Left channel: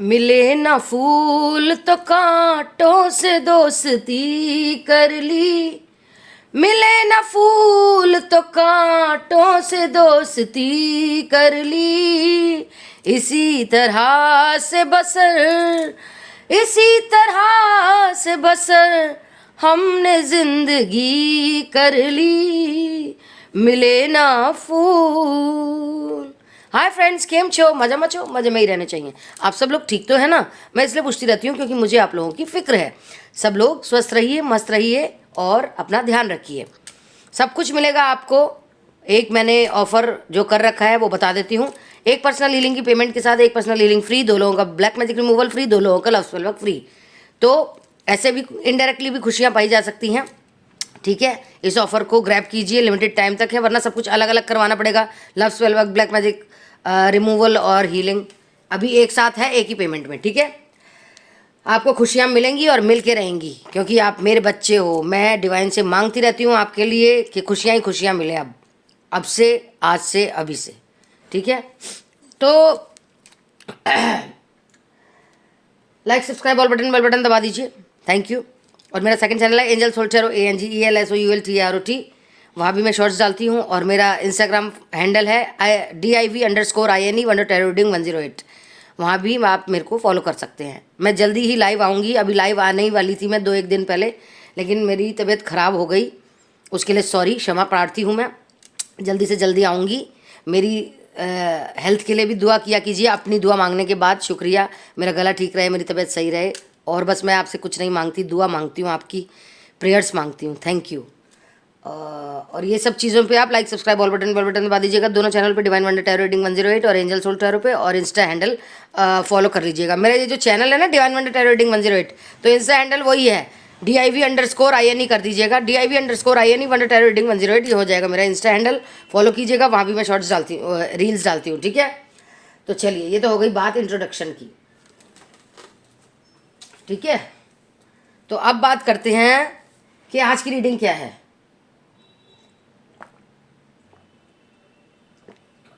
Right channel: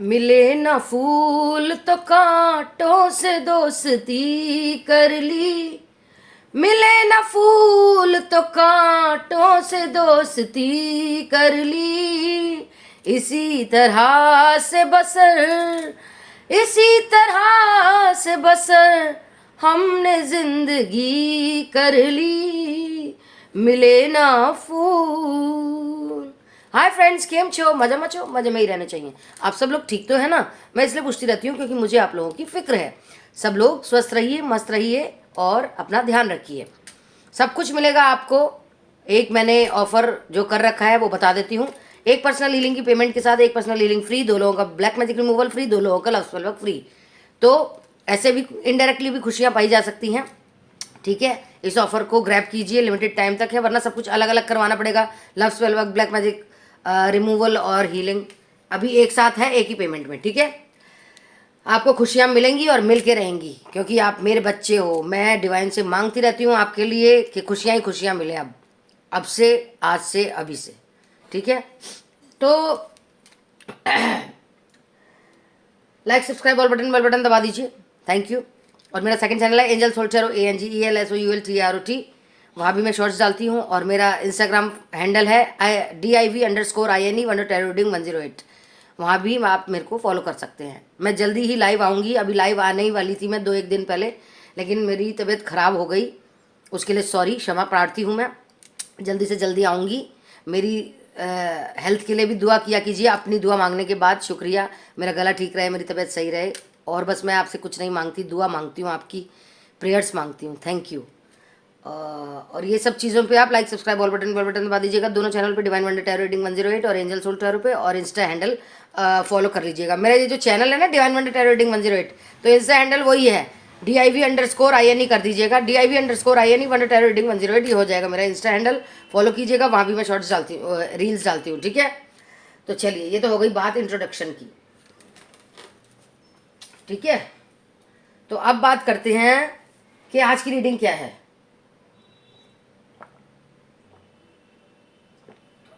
मिले ना फूल तो कांटों से दोस्ती कर ली। मिले ना फूल तो कांटों से दोस्ती कर ली। इसी तरह से बसर, इसी तरह से बसर हमने जिंदगी कर ली। मिले ना फूल। हाय फ्रेंड्स, केम छो? मजा मचो, मजे में ही रहने चाहिए। आप सब लोग ठीक तो है ना? मैं इसलिए पूछती रहती हूँ क्योंकि मुझे आप लोगों की फिक्र है। सब लोग स्वस्थ रहिए, मस्त रहिए और अपना ध्यान रखिए। सब कुछ मिलेगा आपको। एक मैंने ऑफर जो कर रखा है वो बता देती हूँ। एक पर्सनल हीलिंग की पेमेंट के साथ एक पर्सनल हीलिंग फ्री, 2 लोगों का ब्लैक मैजिक रिमूवल फ्री, 2 लोगों का लव स्पेल वर्क फ्री। तो ऐसे भी इनडायरेक्टली भी खुशियाँ पाई जा सकती हैं। ठीक है, इस ऑफर को ग्रैब कीजिए, लिमिटेड टाइम तक है, वरना सब कुछ अलग अलग करवाना पड़ेगा। Love spell work, black magic removal और हीलिंग अभी एक साथ है, एक ही पेमेंट में। ठीक है, आपको खुशियाँ मिलेंगी और मिल के रहेंगी क्योंकि आप मेरे बच्चे हो। मैं डिवाइन से मांगती रहती हूँ आपके लिए कि खुशियाँ ही खुशियाँ मिले अब से, आज से, अभी से। ठीक है, तो लाइक सब्सक्राइब और बेल बटन दबा दीजिए। Thank you. और मेरा सेकंड चैनल है एंजल सोल्टेरो, ANGELSOULTROT। वहाँ भी मैं शॉर्ट्स डालती हूँ। और मेरा इंस्टाग्राम हैंडल है DIV_INE_TAROTreading108। वहाँ भी आप मेरे को फॉलो कर सकते हैं। मैं जल्दी ही लाइव आऊँगी। अभी लाइव आने ही वाली थी मैं 2-1 दिन पहले, लेकिन मेरी तबीयत ख़राब हो गई। उसके लिए सॉरी, क्षमा प्रार्थी हूँ मैं। जल्दी से जल्दी आऊँगी। मेरी हेल्थ के लिए भी दुआ किया कीजिए अपनी दुआ मांगने के बाद। शुक्रिया, मेरा गला ठीक रहे, मेरी तबीयत सही रहे। और बस मैं आपसे कुछ नहीं मांगती, दुआ मांगती हूँ, आपकी प्रेयर्स मांगती हूँ। Thank you. और ये सब चीज़ों पे आप लाइक सब्सक्राइब ऑल बटन दबा दीजिएगा। दोनों चैनल पे डिवाइन वंडर टैरो रीडिंग 108 और एंजल सोल टैरो पे, और इंस्टा हैंडल फॉलो कर लीजिएगा। मेरा ये जो चैनल है ना डिवाइन वंडर टैरो रीडिंग 108, तो इंस्टा हैंडल वही है, DIV_INE कर दीजिएगा। DIV_INE वंडर टैरो रीडिंग 108, ये हो जाएगा मेरा इंस्टा हैंडल। फॉलो कीजिएगा, वहाँ भी मैं शॉर्ट्स डालती हूँ, रील्स डालती हूँ। ठीक है, तो चलिए, ये तो हो गई बात इंट्रोडक्शन की। ठीक है, तो अब बात करते हैं कि आज की रीडिंग क्या है।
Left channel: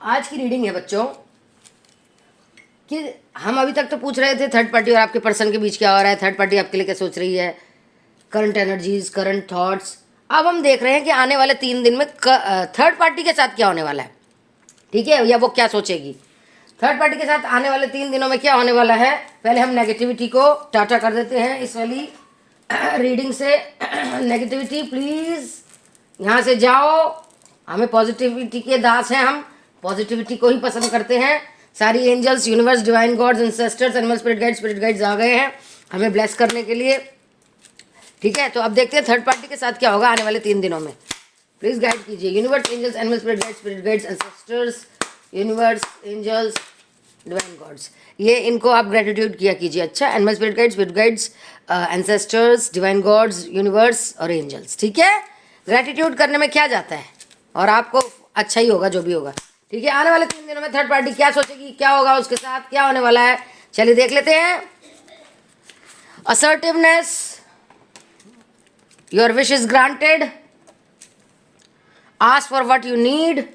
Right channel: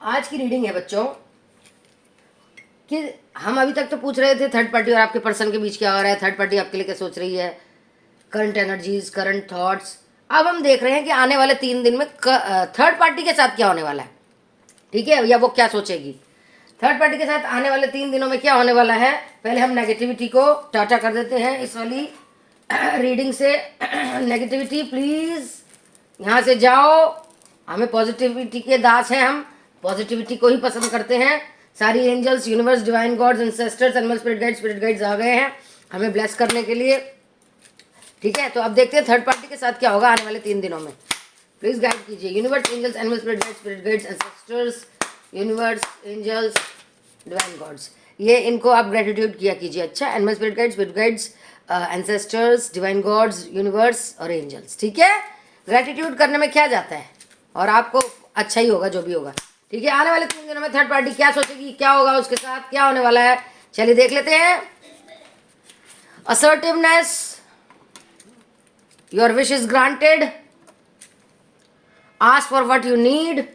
आज की रीडिंग है बच्चों कि हम अभी तक तो पूछ रहे थे थर्ड पार्टी और आपके पर्सन के बीच क्या हो रहा है, थर्ड पार्टी आपके लिए क्या सोच रही है, करंट एनर्जीज, करंट थॉट्स। अब हम देख रहे हैं कि आने वाले 3 दिन में थर्ड पार्टी के साथ क्या होने वाला है। ठीक है, या वो क्या सोचेगी। थर्ड पार्टी के साथ आने वाले 3 दिनों में क्या होने वाला है। पहले हम नेगेटिविटी को टाटा कर देते हैं इस वाली रीडिंग से। नेगेटिविटी प्लीज यहाँ से जाओ। हमें पॉजिटिविटी के दास हैं, हम पॉजिटिविटी को ही पसंद करते हैं। सारी angels, universe, divine gods, ancestors, animal spirit guides आ गए हैं हमें ब्लेस करने के लिए। ठीक है, तो अब देखते हैं थर्ड पार्टी के साथ क्या होगा आने वाले 3 दिनों में। प्लीज गाइड कीजिए universe, angels, animal spirit guides, ancestors, universe, angels, divine gods. ये इनको आप ग्रेटिट्यूड किया कीजिए। अच्छा, animal spirit guides, ancestors, divine gods, universe और एंजल्स। ठीक है, ग्रेटिट्यूड करने में क्या जाता है, और आपको अच्छा ही होगा जो भी होगा। ठीक है, आने वाले 3 दिनों में थर्ड पार्टी क्या सोचेगी, क्या होगा उसके साथ, क्या होने वाला है, चलिए देख लेते हैं। Assertiveness, your wish is granted, ask for what you need,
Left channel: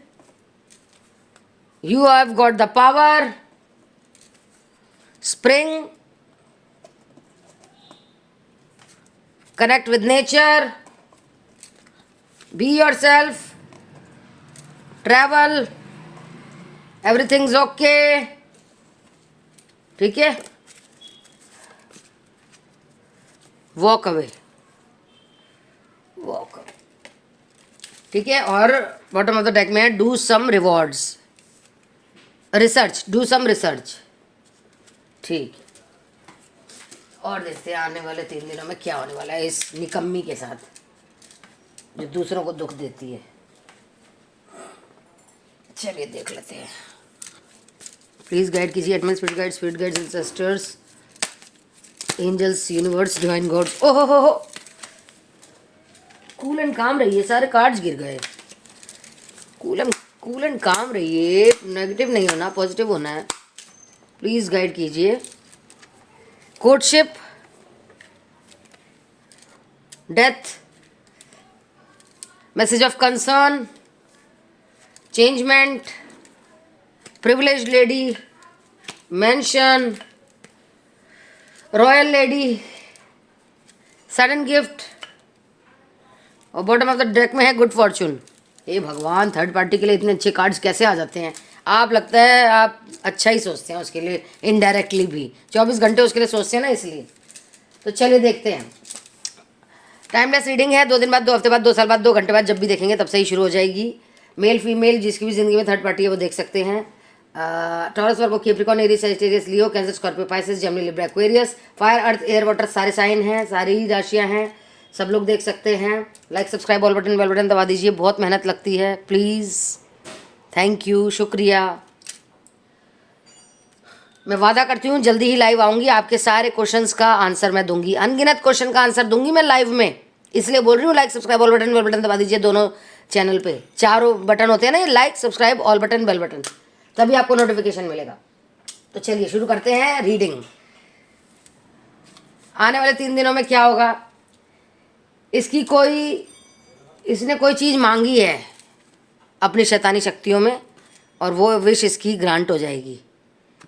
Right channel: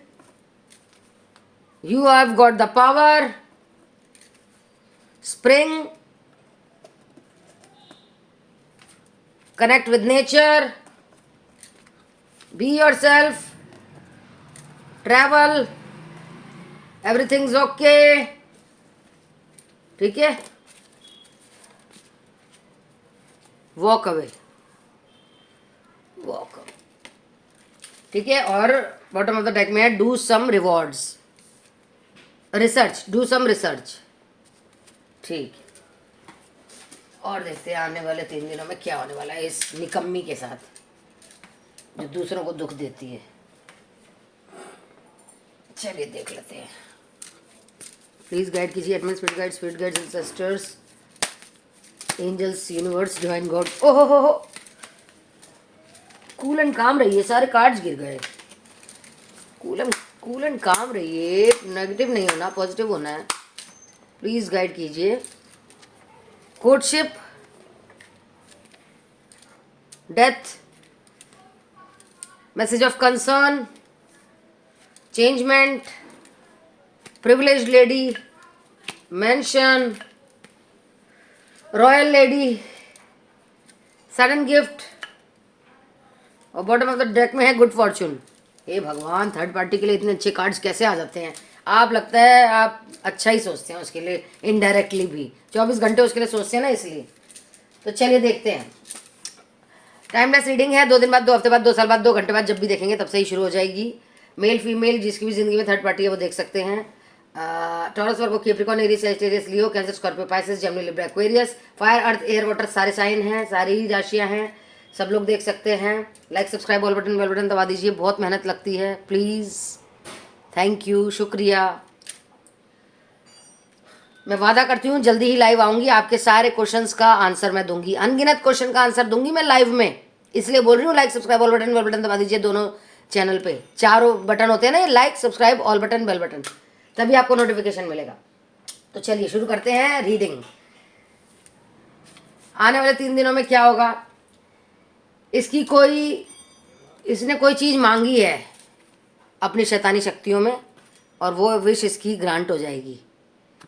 you have got the power, spring, connect with nature, be yourself, travel, everything's okay. ठीक है, वॉक अवे, वॉक अवे। ठीक है, और बॉटम ऑफ द डेक में है do some rewards, research, do some research. ठीक, और देखते हैं आने वाले 3 दिनों में क्या होने वाला है इस निकम्मी के साथ जो दूसरों को दुख देती है। चलिए देख लेते हैं। प्लीज गाइड कीजिए admin spirit guides, ancestors, angels, universe, divine gods. ओहो हो, कूल एंड काम रहिए। सारे कार्ड्स गिर गए। कूल एंड काम रहिए, नेगेटिव नहीं होना, पॉजिटिव होना है। प्लीज गाइड कीजिए। Courtship, death, message of concern, changement, privileged lady, mention, royal lady, sudden gift, और बॉटम ऑफ द डेक में है गुड फॉर्चून। हे भगवान, थर्ड पार्टी के लिए इतने अच्छे कार्ड्स कैसे आ जाते हैं? आप लगता है आप अच्छा ही सोचते हैं उसके लिए, इनडायरेक्टली भी 24 घंटे उसके लिए सोचते हैं ना, इसलिए। तो चलिए देखते हैं। टाइमलेस रीडिंग है, 2 दिन बाद, 2 हफ्ते बाद, 2 साल बाद, 2 घंटे बाद, जब भी देखेंगे तब से ही शुरू हो जाएगी। मेल फीमेल जिसकी भी जिंदगी में थर्ड पार्टी है वो देख सकते हैं। Taurus, Virgo, Capricorn, Aries, Sagittarius, Leo, Cancer, Scorpio, Pisces, Gemini, Libra, Aquarius. Fire, earth, air, water सारे साइन हैं, सारी ही राशियां हैं, सब लोग देख सकते हैं। Like, subscribe, all button, bell button दबा दीजिए, बहुत मेहनत लगती है, प्लीज़, थैंक यू, शुक्रिया। मैं वादा करती हूँ जल्दी ही लाइव आऊँगी, आपके सारे क्वेश्चंस का आंसर मैं दूंगी, अनगिनत क्वेश्चन का आंसर दूंगी मैं लाइव में, इसलिए बोल रही हूँ। Like, subscribe, all button, bell button दबा दीजिए, दोनों चैनल पे 4 बटन होते हैं ना, ये like, subscribe, all button, bell button, तभी आपको नोटिफिकेशन मिलेगा। तो चलिए शुरू करते हैं रीडिंग। आने वाले 3 दिनों में क्या होगा? इसने कोई चीज़ मांगी है अपनी शैतानी शक्तियों में, और वो विश इसकी ग्रांट हो जाएगी।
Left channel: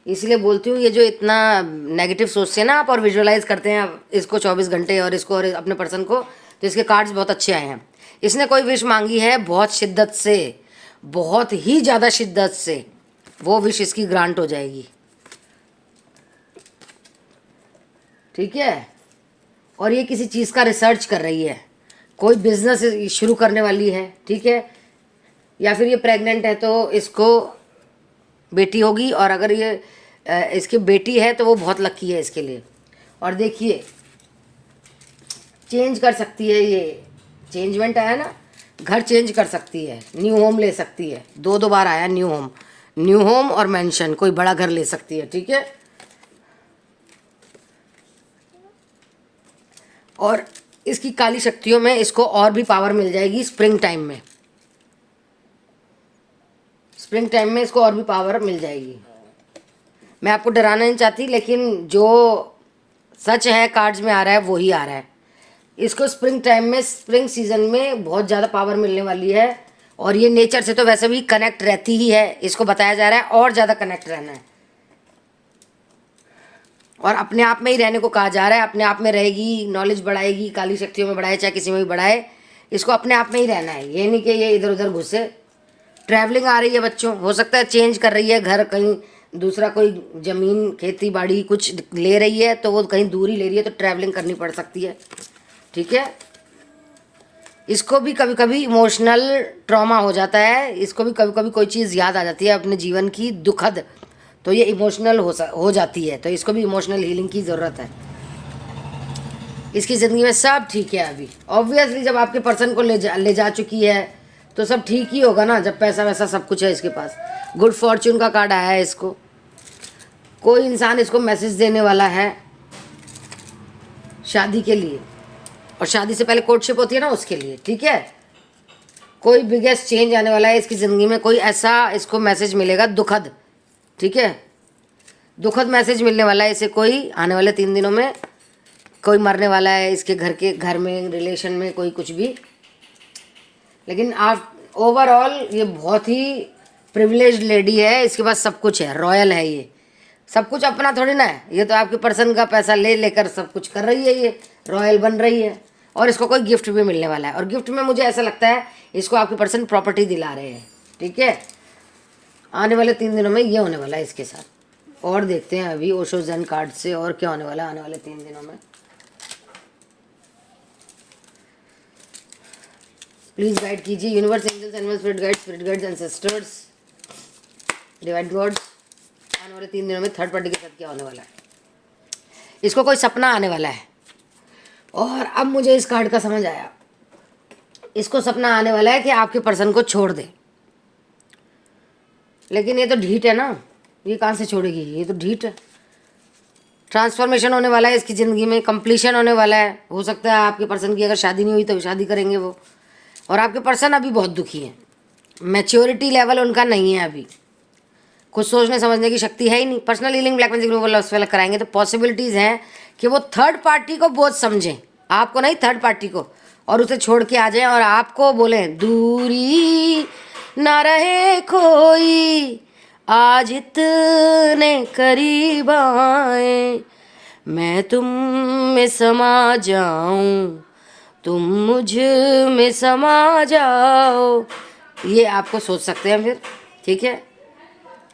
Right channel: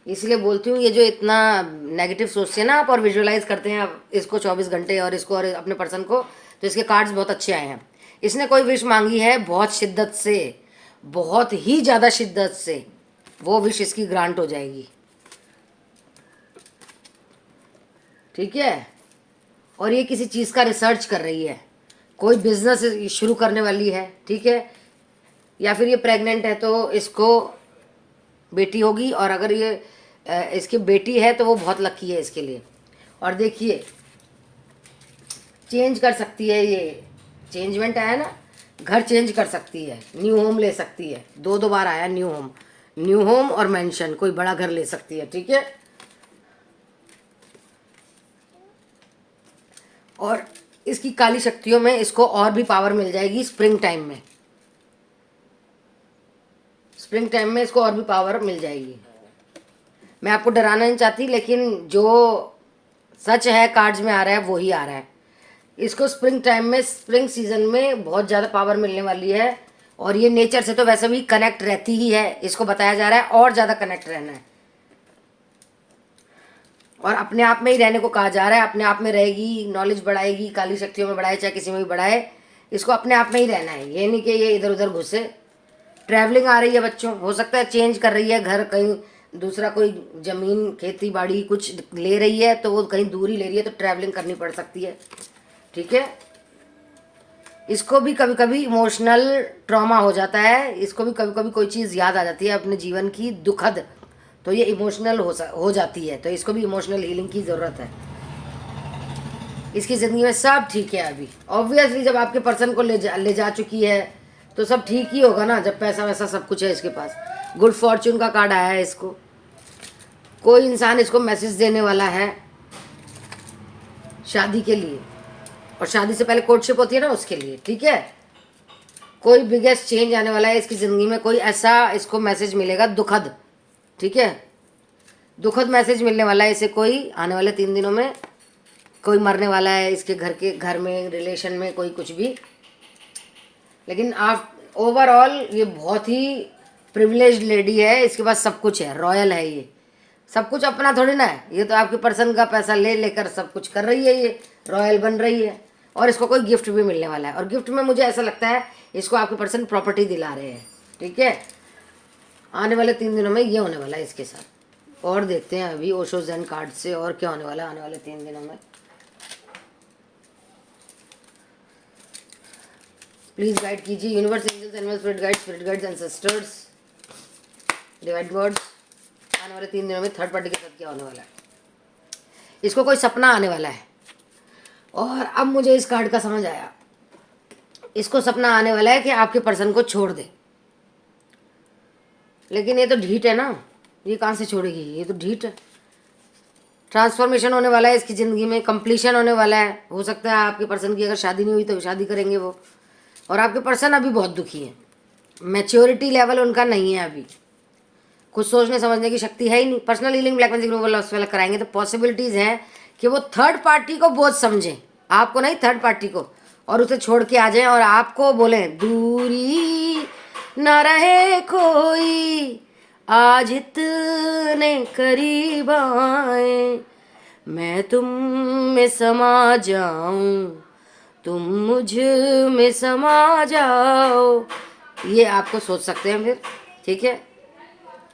इसलिए बोलती हूँ, ये जो इतना नेगेटिव सोचते हैं ना आप और विजुअलाइज करते हैं इसको 24 घंटे और इसको और अपने पर्सन को, तो इसके कार्ड्स बहुत अच्छे आए हैं। इसने कोई विश मांगी है बहुत शिद्दत से, बहुत ही ज़्यादा शिद्दत से, वो विश इसकी ग्रांट हो जाएगी, ठीक है। और ये किसी चीज़ का रिसर्च कर रही है, कोई बिजनेस शुरू करने वाली है, ठीक है। या फिर ये प्रेग्नेंट है तो इसको बेटी होगी, और अगर ये इसकी बेटी है तो वो बहुत लकी है इसके लिए। और देखिए, चेंज कर सकती है, ये चेंजमेंट आया ना, घर चेंज कर सकती है, न्यू होम ले सकती है, 2 बार आया न्यू होम और मेंशन, कोई बड़ा घर ले सकती है, ठीक है। और इसकी काली शक्तियों में इसको और भी पावर मिल जाएगी स्प्रिंग टाइम में, स्प्रिंग टाइम में इसको और भी पावर मिल जाएगी। मैं आपको डराना नहीं चाहती, लेकिन जो सच है कार्ड्स में आ रहा है वो ही आ रहा है। इसको स्प्रिंग टाइम में, स्प्रिंग सीजन में बहुत ज़्यादा पावर मिलने वाली है, और ये नेचर से तो वैसे भी कनेक्ट रहती ही है, इसको बताया जा रहा है और ज़्यादा कनेक्ट रहना है, और अपने आप में ही रहने को कहा जा रहा है। अपने आप में रहेगी, नॉलेज बढ़ाएगी, काली शक्तियों में बढ़ाए चाहे किसी में भी बढ़ाए, इसको अपने आप में ही रहना है, ये नहीं कि ये इधर उधर घुसे। ट्रैवलिंग आ रही है बच्चों, हो सकता है चेंज कर रही है घर, कहीं दूसरा कोई ज़मीन, खेती बाड़ी कुछ ले रही है, तो वो कहीं दूर ही ले रही है, तो ट्रैवलिंग करनी पड़ सकती है, ठीक है। इसको भी कभी कभी इमोशनल ट्रॉमा हो जाता है, इसको भी कभी कभी कोई चीज़ याद आ जाती है अपने जीवन की दुखद, तो ये इमोशनल हो जाती है, तो इसको भी इमोशनल हीलिंग की ज़रूरत है। इसकी ज़िंदगी में सब ठीक है अभी, ऑब्वियसली जब आपके पर्सन को ले जा चुकी है तो सब ठीक ही होगा ना, जब पैसा वैसा सब कुछ है इसके पास। गुड फॉर्चून का कार्ड आया है इसको, कोई इंसान इसको मैसेज देने वाला है शादी के लिए, और शादी से पहले कोर्टशिप होती है ना, उसके लिए, ठीक है। कोई बिगेस्ट चेंज आने वाला है इसकी ज़िंदगी में, कोई ऐसा इसको मैसेज मिलेगा दुखद, ठीक है, दुखद मैसेज मिलने वाला है इसे, कोई आने वाले 3 दिनों में। कोई मरने वाला है इसके घर में, रिलेशन में, कोई कुछ भी, लेकिन आप ओवरऑल ये बहुत ही प्रिविलेज्ड लेडी है, इसके पास सब कुछ है, रॉयल है ये, सब कुछ अपना थोड़ी ना है, ये तो आपके पर्सन का पैसा ले लेकर सब कुछ कर रही है, ये रॉयल बन रही है। और इसको कोई गिफ्ट भी मिलने वाला है, और गिफ्ट में मुझे ऐसा लगता है इसको आपके पर्सन प्रॉपर्टी दिला रहे हैं, ठीक है। आने वाले 3 दिनों में ये होने वाला है इसके साथ। और देखते हैं अभी ओशो ज़ेन कार्ड से और क्या होने वाला है आने वाले 3 दिनों में। प्लीज गाइड कीजिए universe, angels, animals, spirit guides, ancestors, divine words, आने वाले 3 दिनों में थर्ड पार्टी के साथ क्या होने वाला है। इसको कोई सपना आने वाला है, और अब मुझे इस कार्ड का समझ आया, इसको सपना आने वाला है कि आपके पर्सन को छोड़ दे, लेकिन ये तो ढीठ है ना, ये कहाँ से छोड़ेगी, ये तो ढीठ है। ट्रांसफॉर्मेशन होने वाला है इसकी ज़िंदगी में, कंप्लीशन होने वाला है। हो सकता है आपके पर्सन की अगर शादी नहीं हुई तो शादी करेंगे वो, और आपके पर्सन अभी बहुत दुखी हैं, मैच्योरिटी लेवल उनका नहीं है अभी, कुछ सोचने समझने की शक्ति है ही नहीं। Personal healing, black magic removal, love spell कराएंगे तो पॉसिबिलिटीज़ हैं कि वो थर्ड पार्टी को बहुत समझें, आपको नहीं, थर्ड पार्टी को, और उसे छोड़ के आ जाएं और आपको बोलें दूरी ना रहे कोई, आज इतने करीब आए, मैं तुम में समा जाऊं, तुम मुझ में समा जाओ। ये आपको सोच सकते हैं फिर, ठीक है।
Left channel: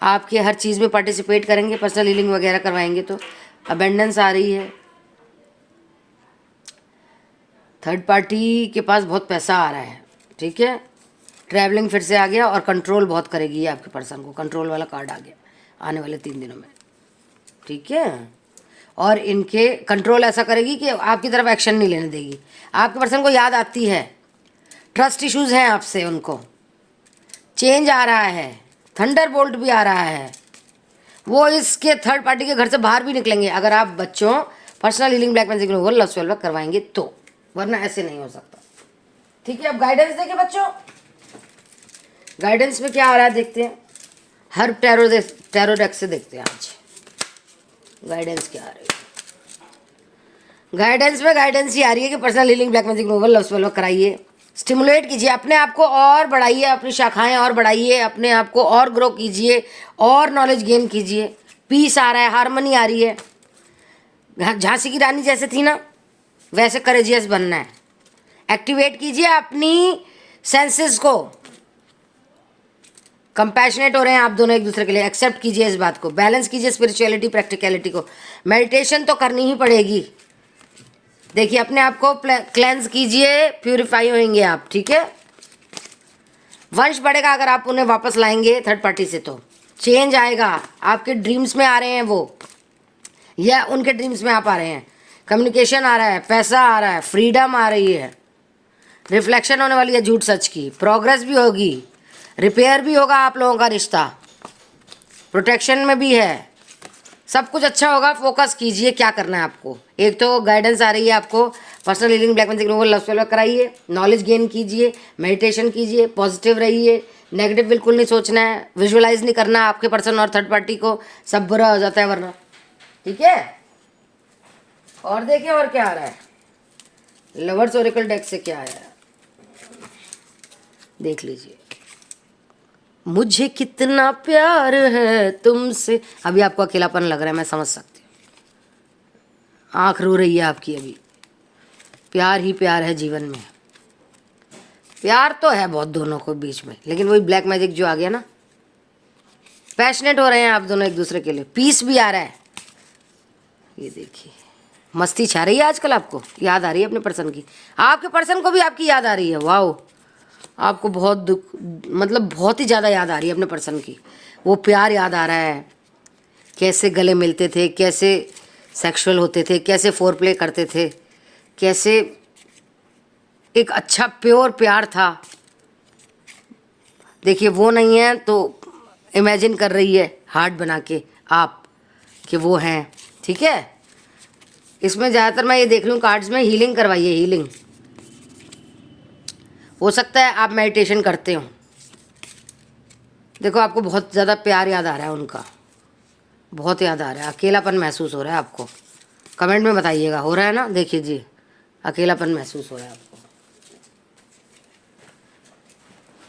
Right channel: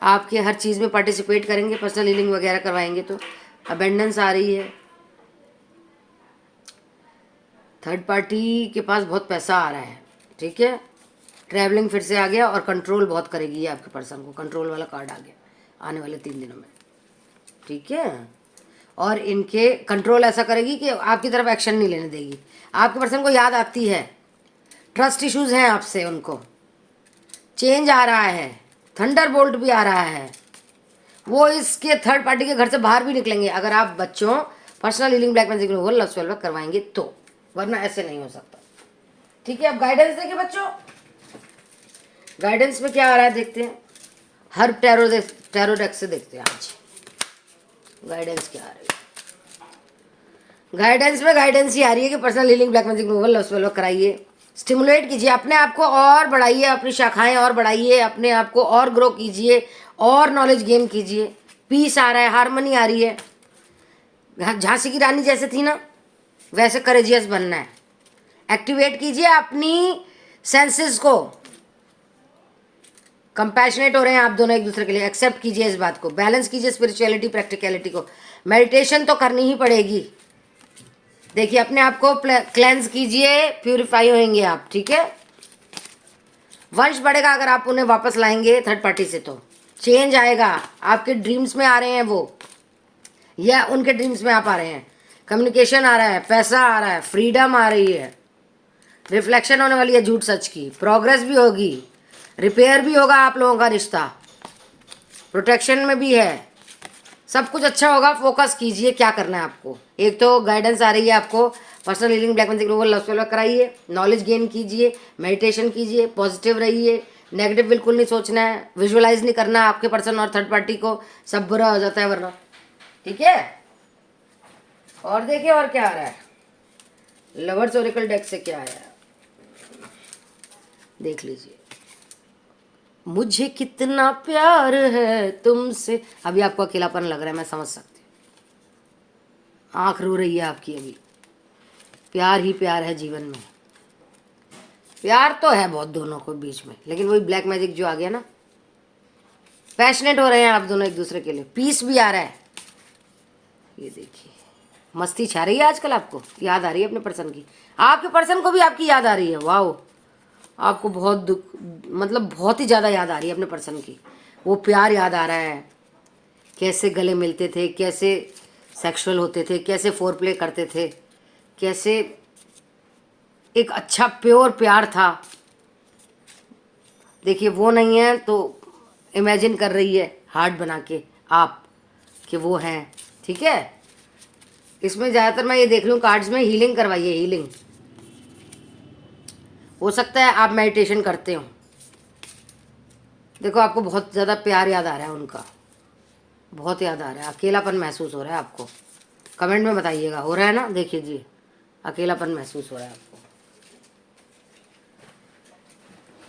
आपके हर चीज़ में पार्टिसिपेट करेंगे, पर्सनल हीलिंग वगैरह करवाएंगे तो अबेंडेंस आ रही है। थर्ड पार्टी के पास बहुत पैसा आ रहा है, ठीक है। ट्रैवलिंग फिर से आ गया और कंट्रोल बहुत करेगी ये आपके पर्सन को, कंट्रोल वाला कार्ड आ गया आने वाले 3 दिनों में, ठीक है। और इनके कंट्रोल ऐसा करेगी कि आपकी तरफ एक्शन नहीं लेने देगी। आपके पर्सन को याद आती है, ट्रस्ट इश्यूज हैं आपसे उनको, चेंज आ रहा है, थंडर बोल्ट भी आ रहा है। वो इसके थर्ड पार्टी के घर से बाहर भी निकलेंगे अगर आप बच्चों personal healing black magic removal love spell work करवाएंगे तो, वरना ऐसे नहीं हो सकता, ठीक है। अब गाइडेंस देखिए बच्चों, गाइडेंस में क्या आ रहा है देखते हैं। हर टैरो डेक से देखते हैं आज गाइडेंस क्या आ रही है। गाइडेंस में गाइडेंस ही आ रही है कि personal healing black magic removal love spell work कराइए, स्टिमुलेट कीजिए, अपने आप को और बढ़ाइए, अपनी शाखाएं और बढ़ाइए, अपने आप को और ग्रो कीजिए, और नॉलेज गेन कीजिए। पीस आ रहा है, हारमोनी आ रही है। झांसी की रानी जैसे थी ना, वैसे करेजियस बनना है। एक्टिवेट कीजिए अपनी सेंसेस को, कंपैशनेट हो रहे हैं आप दोनों एक दूसरे के लिए, एक्सेप्ट कीजिए इस बात को, बैलेंस कीजिए स्पिरिचुअलिटी प्रैक्टिकलिटी को। मेडिटेशन तो करनी ही पड़ेगी, देखिए अपने आप को क्लेंस कीजिए, प्यूरिफाई होंगे आप, ठीक है। वंश बढ़ेगा अगर आप उन्हें वापस लाएंगे थर्ड पार्टी से, तो चेंज आएगा। आपके ड्रीम्स में आ रहे हैं वो, या उनके ड्रीम्स में आप आ रहे हैं। कम्युनिकेशन आ रहा है, पैसा आ रहा है, फ्रीडम आ रही है, रिफ्लेक्शन होने वाली है झूठ सच की, प्रोग्रेस भी होगी, रिपेयर भी होगा आप लोगों का रिश्ता, प्रोटेक्शन में भी है, सब कुछ अच्छा होगा। फोकस कीजिए क्या करना है आपको। एक तो गाइडेंस आ रही है आपको, personal healing black magic removal love spell work कराइए, नॉलेज गेन कीजिए, मेडिटेशन कीजिए, पॉजिटिव रहिए, नेगेटिव बिल्कुल नहीं सोचना है, विजुअलाइज नहीं करना आपके पर्सन और थर्ड पार्टी को, सब बुरा हो जाता है वरना, ठीक है। और देखिए और क्या आ रहा है, लवर्स ओरेकल डेक से क्या आया देख लीजिए। मुझे कितना प्यार है तुमसे, अभी आपको अकेलापन लग रहा है, मैं समझ सकती हूँ, आँख रो रही है आपकी अभी। प्यार ही प्यार है जीवन में, प्यार तो है बहुत दोनों को बीच में, लेकिन वही ब्लैक मैजिक जो आ गया ना, पैशनेट हो रहे हैं आप दोनों एक दूसरे के लिए, पीस भी आ रहा है। ये देखिए मस्ती छा रही है आजकल, आपको याद आ रही है अपने पर्सन की, आपके पर्सन को भी आपकी याद आ रही है। वाओ, आपको बहुत दुख, मतलब बहुत ही ज़्यादा याद आ रही है अपने पर्सन की, वो प्यार याद आ रहा है, कैसे गले मिलते थे, कैसे सेक्सुअल होते थे, कैसे फोर प्ले करते थे, कैसे एक अच्छा प्योर प्यार था। देखिए वो नहीं है तो इमेजिन कर रही है हार्ट बना के आप कि वो हैं, ठीक है। इसमें ज़्यादातर मैं ये देख रही हूँ कार्ड्स में, हीलिंग करवाइए, हीलिंग। हो सकता है आप मेडिटेशन करते हो, देखो आपको बहुत ज़्यादा प्यार याद आ रहा है उनका, बहुत याद आ रहा है, अकेलापन महसूस हो रहा है आपको। कमेंट में बताइएगा, हो रहा है ना, देखिए जी अकेलापन महसूस हो रहा है आपको।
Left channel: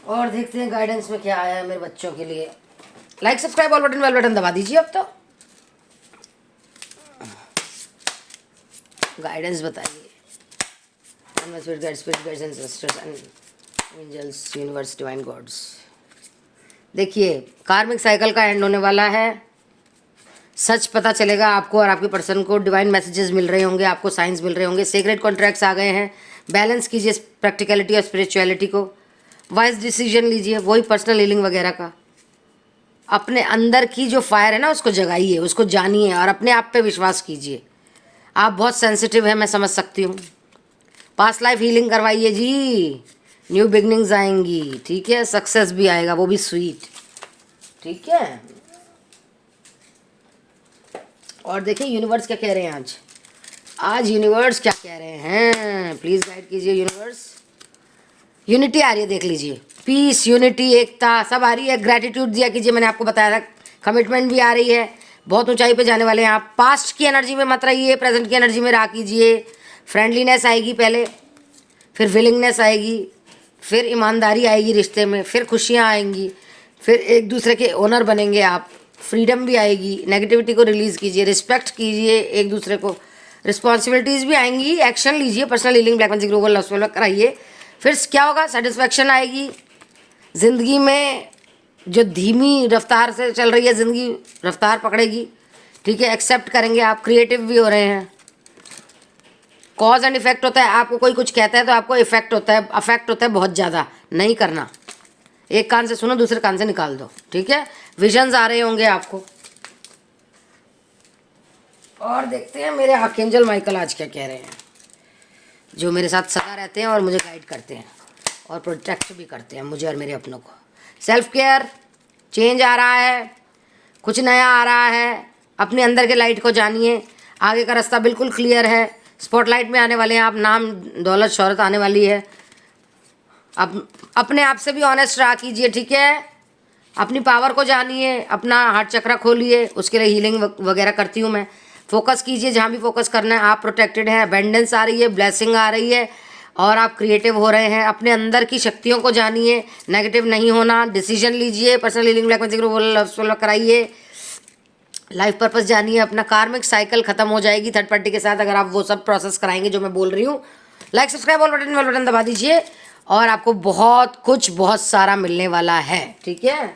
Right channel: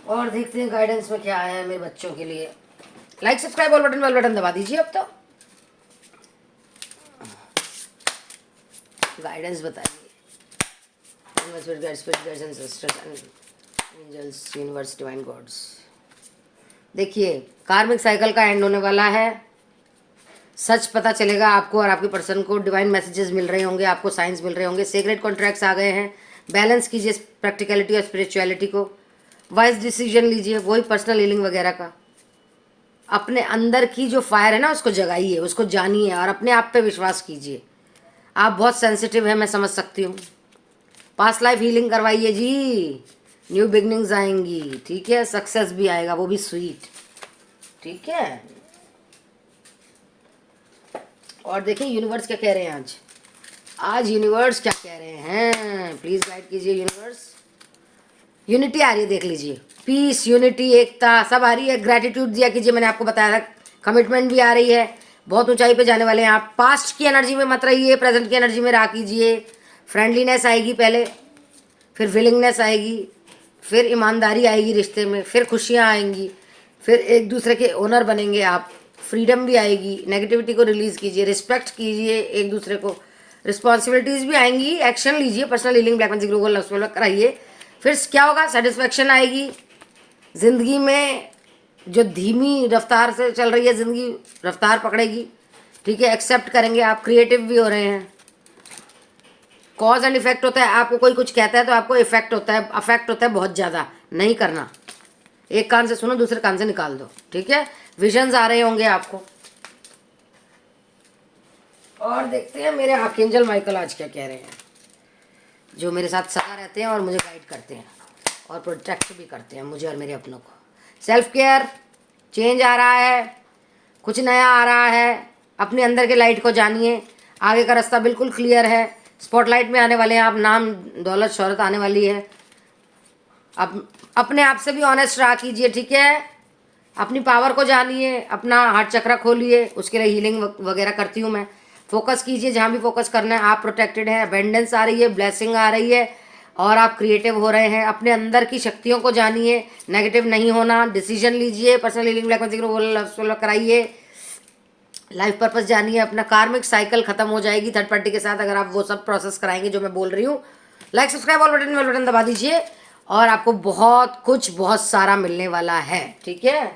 और देखते हैं गाइडेंस में क्या आया है मेरे बच्चों के लिए। Like subscribe all button bell button दबा दीजिए। अब तो गाइडेंस बताइए, एंजल्स, यूनिवर्स, डिवाइन गॉड्स। देखिए कार्मिक साइकिल का एंड होने वाला है, सच पता चलेगा आपको और आपके पर्सन को, डिवाइन मैसेजेस मिल रहे होंगे आपको, साइंस मिल रहे होंगे, सीक्रेट कॉन्ट्रैक्ट्स आ गए हैं। बैलेंस कीजिए प्रैक्टिकलिटी और स्पिरिचुअलिटी को, वाइज डिसीजन लीजिए, वही पर्सनल हीलिंग वगैरह का। अपने अंदर की जो फायर है ना उसको जगाइए, उसको जानिए और अपने आप पे विश्वास कीजिए। आप बहुत सेंसिटिव है, मैं समझ सकती हूँ। पास्ट लाइफ हीलिंग करवाइए जी, न्यू बिगनिंग्स आएंगी, ठीक है। सक्सेस भी आएगा, वो भी स्वीट, ठीक है। और देखिए यूनिवर्स क्या कह रहे हैं आज, आज यूनिवर्स क्या कह रहे हैं, प्लीज़ गाइड कीजिए यूनिवर्स। यूनिटी आ रही है, देख लीजिए, पीस, यूनिटी, एकता सब आ रही है। ग्रैटिट्यूड दिया कीजिए, मैंने आपको बताया था। कमिटमेंट भी आ रही है, बहुत ऊंचाई पे जाने वाले हैं आप। पास्ट की एनर्जी में मत रहिए, प्रेजेंट की एनर्जी में रहा कीजिए। फ्रेंडलीनेस आएगी पहले, फिर विलिंगनेस आएगी, फिर ईमानदारी आएगी रिश्ते में, फिर खुशियाँ आएंगी, फिर एक दूसरे के ओनर बनेंगे आप, फ्रीडम भी आएगी, नेगेटिविटी को रिलीज कीजिए, रिस्पेक्ट कीजिए एक दूसरे को, रिस्पॉन्सिबिलिटीज भी आएंगी, एक्शन लीजिए, personal healing, black magic global love spell कराइए। फिर क्या होगा, सेटिस्फेक्शन आएगी जिंदगी में। जो धीमी रफ्तार से चल रही है जिंदगी, रफ्तार पकड़ेगी। ठीक है, एक्सेप्ट करेंगे आप, क्रिएटिव भी हो रहे हैं। कॉज एंड इफेक्ट होता है, आपको कोई कुछ कहता है तो आपको इफेक्ट होता है, अफेक्ट होता है बहुत ज़्यादा, नहीं करना। एक कान से सुनो, दूसरे कान से निकाल दो। ठीक है, विजन्स आ रहे होंगे आपको। और देखते हैं मेरे आर्कएंजल माइकल आज क्या कह रहे हैं, जो मेरे साथ सदा रहते हैं और मुझे गाइड करते हैं और प्रोटेक्ट भी करते हैं मुझे और मेरे अपनों को। सेल्फ केयर, चेंज आ रहा है, कुछ नया आ रहा है, अपने अंदर के लाइट को जानिए, आगे का रास्ता बिल्कुल क्लियर है। स्पॉटलाइट में आने वाले हैं आप, नाम दौलत शोहरत आने वाली है। अब अपने आप से भी ऑनेस्ट रहा कीजिए। ठीक है, अपनी पावर को जानिए, अपना हार्ट चक्रा खोलिए, उसके लिए हीलिंग वगैरह करती हूँ मैं। फोकस कीजिए जहाँ भी फोकस करना है, आप प्रोटेक्टेड हैं, अबेंडेंस आ रही है, ब्लेसिंग आ रही है और आप क्रिएटिव हो रहे हैं। अपने अंदर की शक्तियों को जानिए, नेगेटिव नहीं होना, डिसीजन लीजिए, personal healing black magic love कराइए, लाइफ पर्पस जानिए, अपना कार्मिक साइकिल खत्म हो जाएगी थर्ड पार्टी के साथ अगर आप वो सब प्रोसेस कराएंगे जो मैं बोल रही हूँ। लाइक सब्सक्राइब ऑल बटन दबा दीजिए और आपको बहुत कुछ बहुत सारा मिलने वाला है। ठीक है,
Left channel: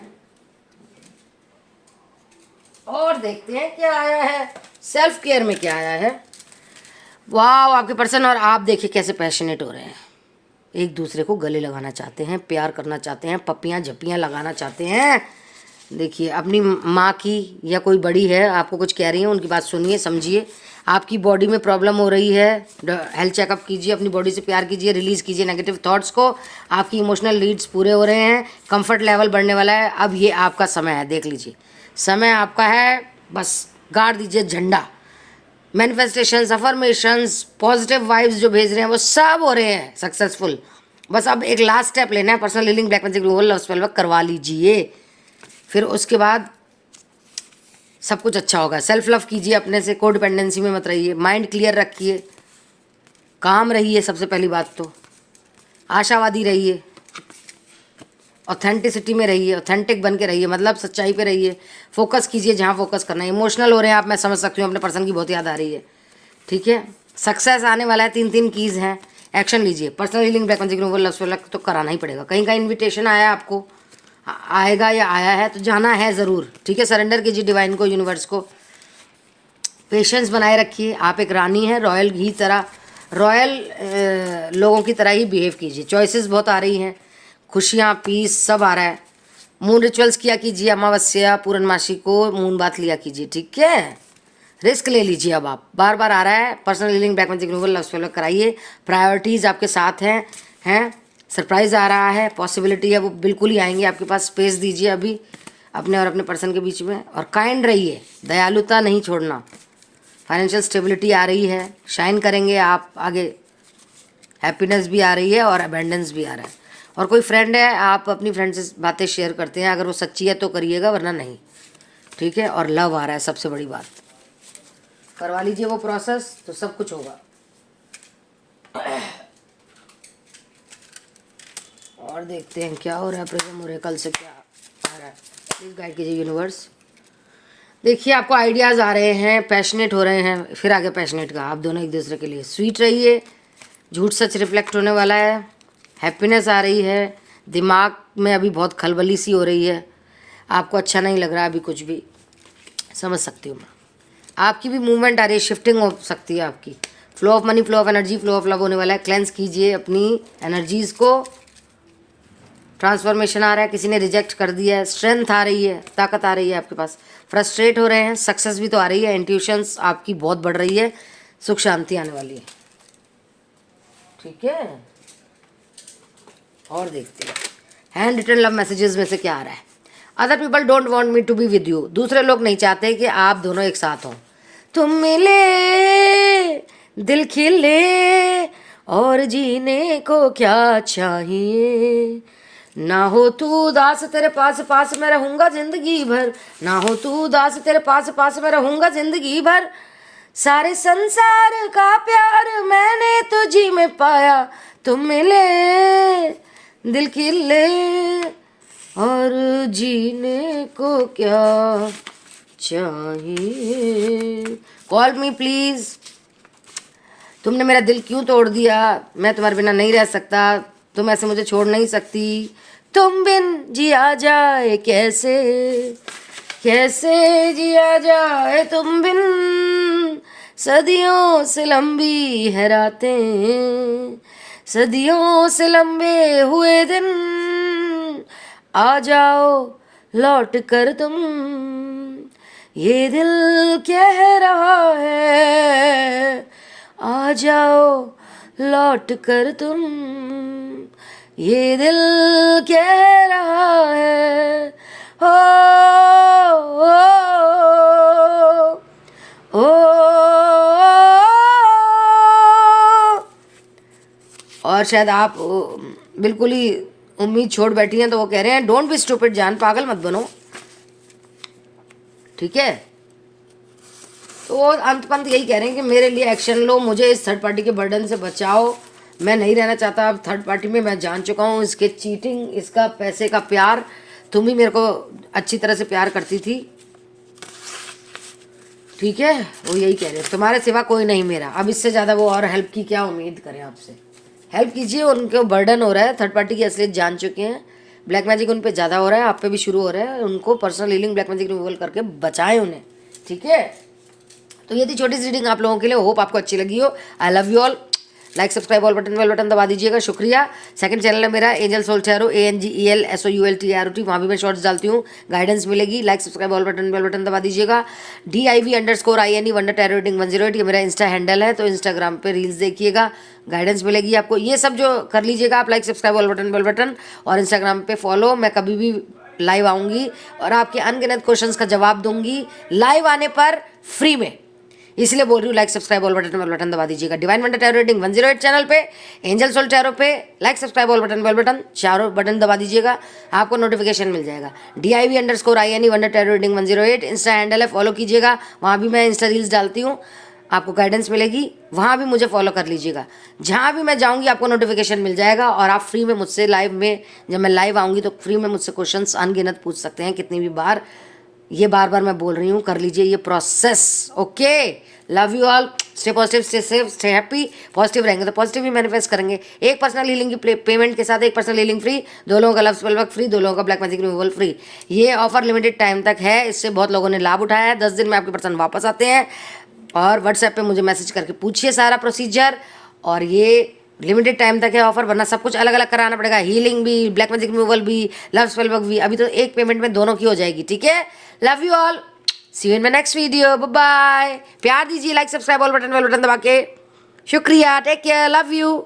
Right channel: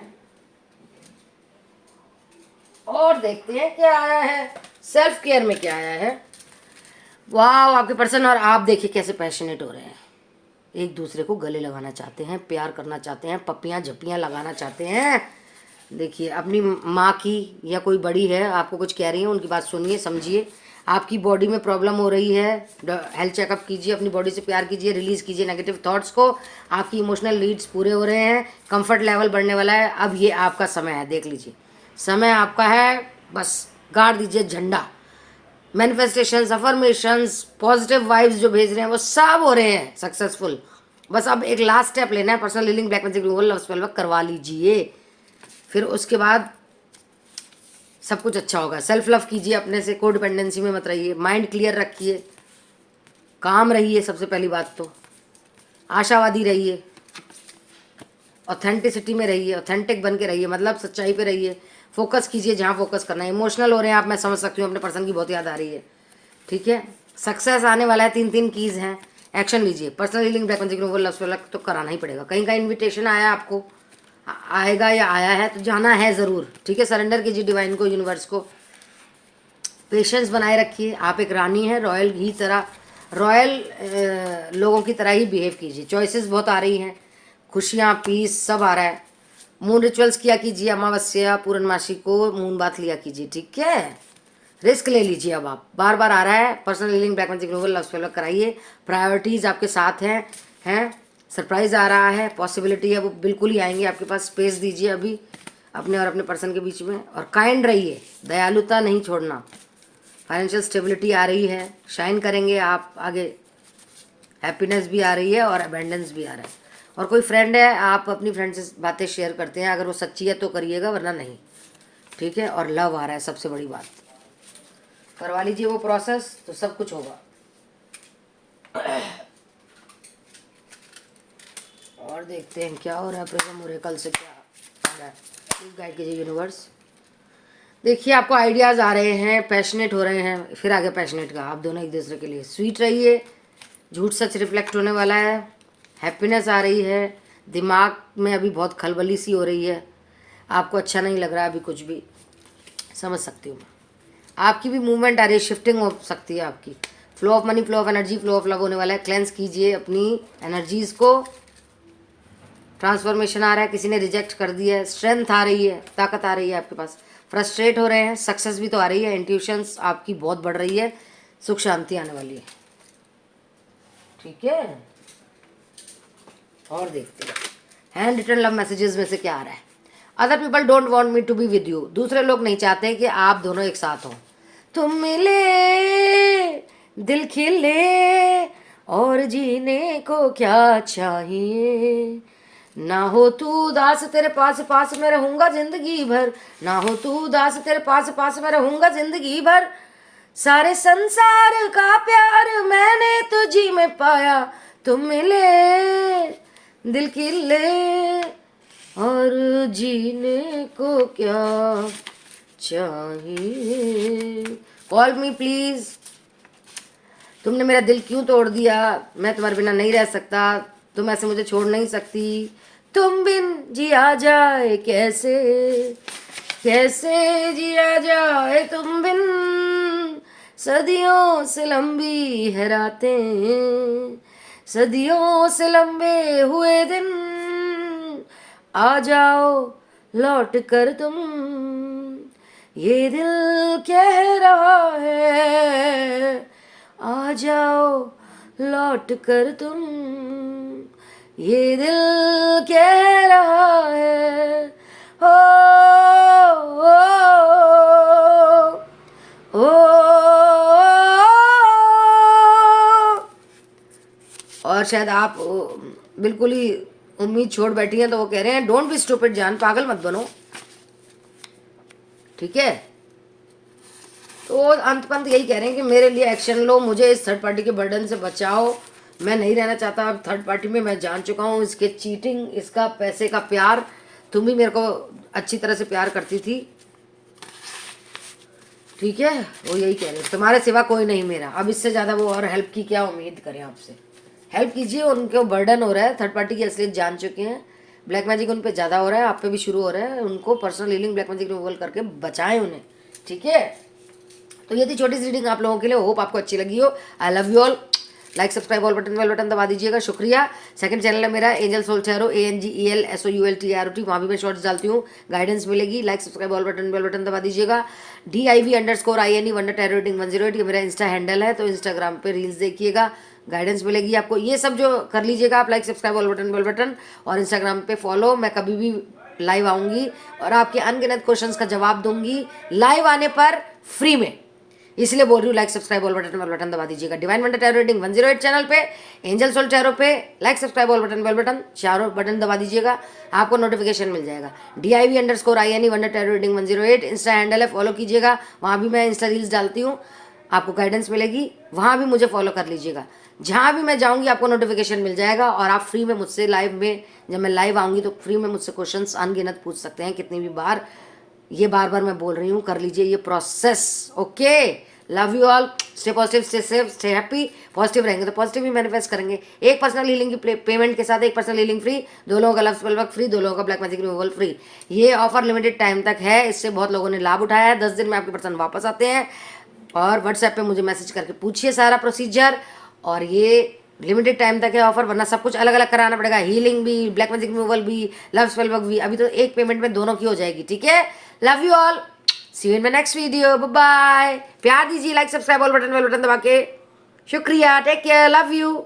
और देखते हैं क्या आया है सेल्फ केयर में, क्या आया है। वाह, आपके पर्सन और आप देखिए कैसे पैशनेट हो रहे हैं, एक दूसरे को गले लगाना चाहते हैं, प्यार करना चाहते हैं, पप्पियाँ झप्पियाँ लगाना चाहते हैं। देखिए, अपनी माँ की या कोई बड़ी है आपको कुछ कह रही है, उनकी बात सुनिए, समझिए। आपकी बॉडी में प्रॉब्लम हो रही है, हेल्थ चेकअप कीजिए, अपनी बॉडी से प्यार कीजिए, रिलीज़ कीजिए नेगेटिव थॉट्स को। आपकी इमोशनल नीड्स पूरे हो रहे हैं, कंफर्ट लेवल बढ़ने वाला है। अब ये आपका समय है, देख लीजिए, समय आपका है, बस गाड़ दीजिए झंडा। मैनिफेस्टेशंस, अफर्मेशंस, पॉजिटिव वाइब्स जो भेज रहे हैं वो सब हो रहे हैं सक्सेसफुल। बस अब एक लास्ट स्टेप लेना है, personal healing black magic love spell work करवा लीजिए, फिर उसके बाद सब कुछ अच्छा होगा। सेल्फ लव कीजिए, अपने से को डिपेंडेंसी में मत रहिए, माइंड क्लियर रखिए, काम रहिए, सबसे पहली बात तो आशावादी रहिए, ऑथेंटिसिटी में रहिए, ऑथेंटिक बन के रहिए, मतलब सच्चाई पे रहिए, फोकस कीजिए जहाँ फोकस करना है। इमोशनल हो रहे हैं आप, मैं समझ सकती हूँ, अपने पर्सन की बहुत याद आ रही है। ठीक है, सक्सेस आने वाला है, 3 कीज़ हैं, एक्शन लीजिए। Personal healing black magic love तो कराना ही पड़ेगा। कहीं का इन्विटेशन आया आपको, आएगा या आया है तो जाना है ज़रूर। ठीक है, सरेंडर कीजिए डिवाइन को, यूनिवर्स को, पेशेंस बनाए रखिए। आप एक रानी हैं, रॉयल की तरह, रॉयल लोगों की तरह ही बिहेव कीजिए। चॉइसेस बहुत आ रही हैं, खुशियाँ, पीस सब आ रहा है। मून रिचुअल्स किया कीजिए, अमावस्या पूर्णमासी को मून बात लिया कीजिए। ठीक है, रिस्क ले लीजिए। अब आप बार बार आ रहा है, personal healing black magic love spell कराइए। प्रायोरिटीज़ आपके साथ हैं। सरप्राइज आ रहा है, पॉसिबिलिटी है, वो बिल्कुल ही आएंगे आपके पास। स्पेस दीजिए अभी अपने और अपने पर्सन के बीच में, और काइंड रहिए, दयालुता नहीं छोड़ना। फाइनेंशियल स्टेबिलिटी आ रही है, शाइन करेंगे आप आगे, हैप्पीनेस भी आ रही है और अबेंडेंस भी आ रहा है। और कोई फ्रेंड है, आप अपनी फ्रेंड से बातें शेयर करते हैं, अगर वो सच्ची है तो करिएगा, वरना नहीं। ठीक है, और लव आ रहा है, सबसे बड़ी बात, करवा लीजिए वो प्रोसेस तो सब कुछ होगा। और देखते हैं क्या हो रहा है, प्रेजेंट हो रहा है, कल से क्या आ रहा है, प्लीज गाइड कीजिए यूनिवर्स। देखिए, आपको आइडियाज़ आ रहे हैं, पैशनेट हो रहे हैं, फिर आगे पैशनेट का, आप दोनों एक दूसरे के लिए स्वीट रहिए, झूठ सच रिफ्लेक्ट होने वाला है, हैप्पीनेस आ रही है। दिमाग में अभी बहुत खलबली सी हो रही है, आपको अच्छा नहीं लग रहा अभी कुछ भी, समझ सकती हूँ मैं। आपकी भी मूवमेंट आ रही है, शिफ्टिंग हो सकती है आपकी। Flow of money, flow of energy, flow of love होने वाला है। क्लेंस कीजिए अपनी एनर्जीज़ को, ट्रांसफॉर्मेशन आ रहा है, किसी ने रिजेक्ट कर दिया है, स्ट्रेंथ आ रही है, ताकत आ रही है आपके पास। फ्रस्ट्रेट हो रहे हैं, सक्सेस भी तो आ रही है, इंट्यूशंस आपकी बहुत बढ़ रही है, सुख शांति आने वाली है। ठीक है, और देखते हैं हैंड रिटन लव मैसेजेस में से क्या आ रहा है। Other people don't want me to be with you, दूसरे लोग नहीं चाहते कि आप दोनों एक साथ हो। तुम मिले, दिल खिले, और जीने को क्या चाहिए। ना हो तू उदास, तेरे पास पास मैं रहूंगा जिंदगी भर, ना हो तू उदास, तेरे पास पास मैं रहूंगा जिंदगी भर। सारे संसार का प्यार मैंने तुझी में पाया, तुम मिले, दिल खिले, और जीने को क्या चाहिए। Call me please. तुमने मेरा दिल क्यों तोड़ दिया? मैं तुम्हारे बिना नहीं रह सकता, तुम ऐसे मुझे छोड़ नहीं सकती। तुम बिन जिया जाए कैसे, कैसे जिया जाए तुम बिन। सदियों से लंबी है रातें, सदियों से लंबे हुए दिन। आ जाओ लौट कर तुम, ये दिल कह रहा है। आ जाओ लौट कर तुम, ये दिल कह रहा है। ओ, ओ, और शायद आप बिल्कुल ही उम्मीद छोड़ बैठी हैं, तो वो कह रहे हैं डोंट बी स्टूपिड जान, पागल मत बनो, ठीक है। तो अंत पंत यही कह रहे हैं कि मेरे लिए एक्शन लो, मुझे इस थर्ड पार्टी के बर्डन से बचाओ। मैं नहीं रहना चाहता अब थर्ड पार्टी में। मैं जान चुका हूँ इसके चीटिंग, इसका पैसे का प्यार। तुम भी मेरे को अच्छी तरह से प्यार करती थी, ठीक है। वो यही कह रहे हैं तुम्हारे सिवा कोई नहीं मेरा। अब इससे ज़्यादा वो और हेल्प की क्या उम्मीद करें आपसे? हेल्प कीजिए, उनको बर्डन हो रहा है, थर्ड पार्टी की असलियत जान चुके हैं। ब्लैक मैजिक उन पे ज़्यादा हो रहा है, आप पे भी शुरू हो रहा है। उनको personal healing black magic removal करके बचाएं उन्हें, ठीक है। तो ये थी छोटी सी रीडिंग आप लोगों के लिए। होप आपको अच्छी लगी हो। I love you all. Like subscribe all button bell button दबा दीजिएगा, शुक्रिया। सेकंड चैनल है मेरा एंजल सोल टैरो, ANGELSOULTAROT, वहाँ भी मैं शॉर्ट्स डालती हूँ, गाइडेंस मिलेगी। Like subscribe all button bell button दबा दीजिएगा। DIV_INE वंडर टैरो रीडिंग 108 ये मेरा इंस्टा हैंडल है, तो इंस्टाग्राम पे रील्स देखिएगा, गाइडेंस मिलेगी आपको। ये सब जो कर लीजिएगा आप, like subscribe all button bell button, और इंस्टाग्राम पे फॉलो। मैं कभी भी लाइव आऊँगी और आपके अनगिनत क्वेश्चंस का जवाब दूंगी लाइव आने पर फ्री में, इसलिए बोल रही हूँ like subscribe all button bell button दबा दीजिएगा। Divine Wonder Tarot Reading 108 channel पे, एंजल सोल टैरो पे like subscribe all button bell button चारों बटन दबा दीजिएगा, आपको नोटिफिकेशन मिल जाएगा। DIV_INE Wonder Tarot Reading 108 insta handle है, फॉलो कीजिएगा। वहाँ भी मैं इंस्टा रील्स डालती हूँ, आपको गाइडेंस मिलेगी, वहाँ भी मुझे फॉलो कर लीजिएगा। जहाँ भी मैं जाऊँगी आपको नोटिफिकेशन मिल जाएगा, और आप फ्री में मुझसे लाइव में, जब मैं लाइव आऊँगी तो फ्री में मुझसे क्वेश्चंस अनगिनत पूछ सकते हैं, कितनी भी बार। ये बार बार मैं बोल रही हूँ, कर लीजिए ये process, okay. Love you all, stay positive, stay safe, stay happy. Positive रहेंगे तो पॉजिटिव ही मैनिफेस्ट करेंगे। एक पर्सनल हीलिंग की पेमेंट के साथ एक पर्सनल हीलिंग फ्री, 2 लोगों का लव स्पेल वर्क फ्री, 2 लोगों का ब्लैक मैजिक रिमूवल फ्री। ये ऑफर लिमिटेड टाइम तक है, इससे बहुत लोगों ने लाभ उठाया है। 10 दिन में आपके पर्सन वापस आते हैं, और व्हाट्सएप पे मुझे मैसेज करके पूछिए सारा प्रोसीजर। और ये लिमिटेड टाइम तक है ऑफर, वरना सब कुछ अलग अलग कराना पड़ेगा, हीलिंग भी, ब्लैक मैजिक रिमूवल भी, लव स्पेल वर्क भी। अभी तो एक पेमेंट में दोनों की हो जाएगी, ठीक है। Love you all, see you in my next video, bye bye. प्यार दीजिए, like subscribe all button bell button दबा के, शुक्रिया, टेक केयर, लव यू।